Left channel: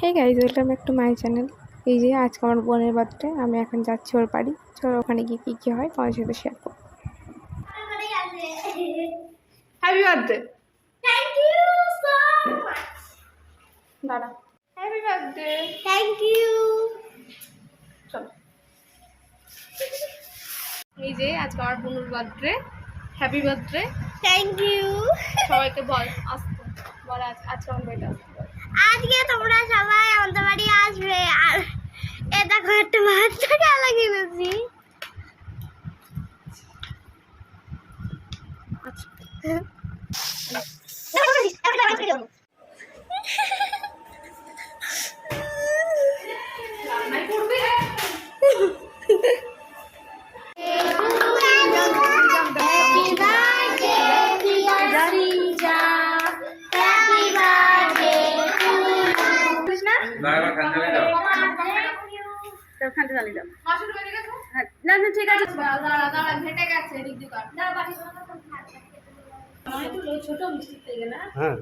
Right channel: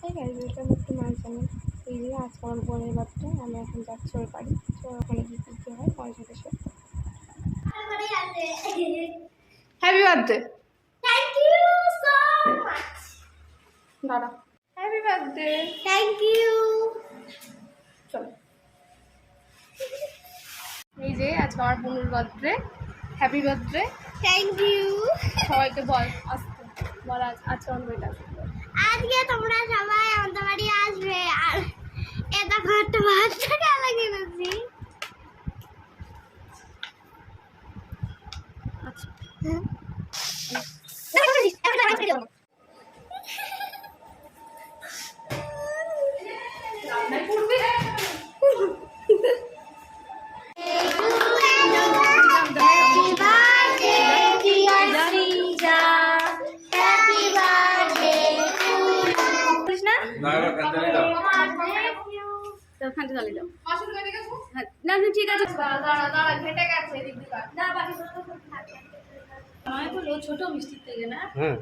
Hey guys, welcome back to my channel. এই যে আজকে আমার বোনের বার্থডে, আমি এখন যাচ্ছি ওর বাড়ি। চলো ওখানে গিয়ে কী কী হয় তোমার সাথে শেয়ার করবো। Happy birthday. Thank you so much. দাঁড়া, হ্যাপি বার্থডে। Thank you. চলো, এই যে আজকে আমার বোনের birthday. Happy birthday. Thank you. সবাইকে বল, আসতে বল, আজকে আমার বাড়িতে আসতে বল। আজকে তোমরা সবাই আমাদের বাড়ি আসবে আর এ দেখো একটা বাচ্চা খেলা কিনেছি। খানতে চালিয়ে দাও। না না ঠিক আছে, দাঁড়া ঘেটে গেছে এদিক দিয়ে কাট। ছোট মিষ্টি থেকে না। হ্যাঁ।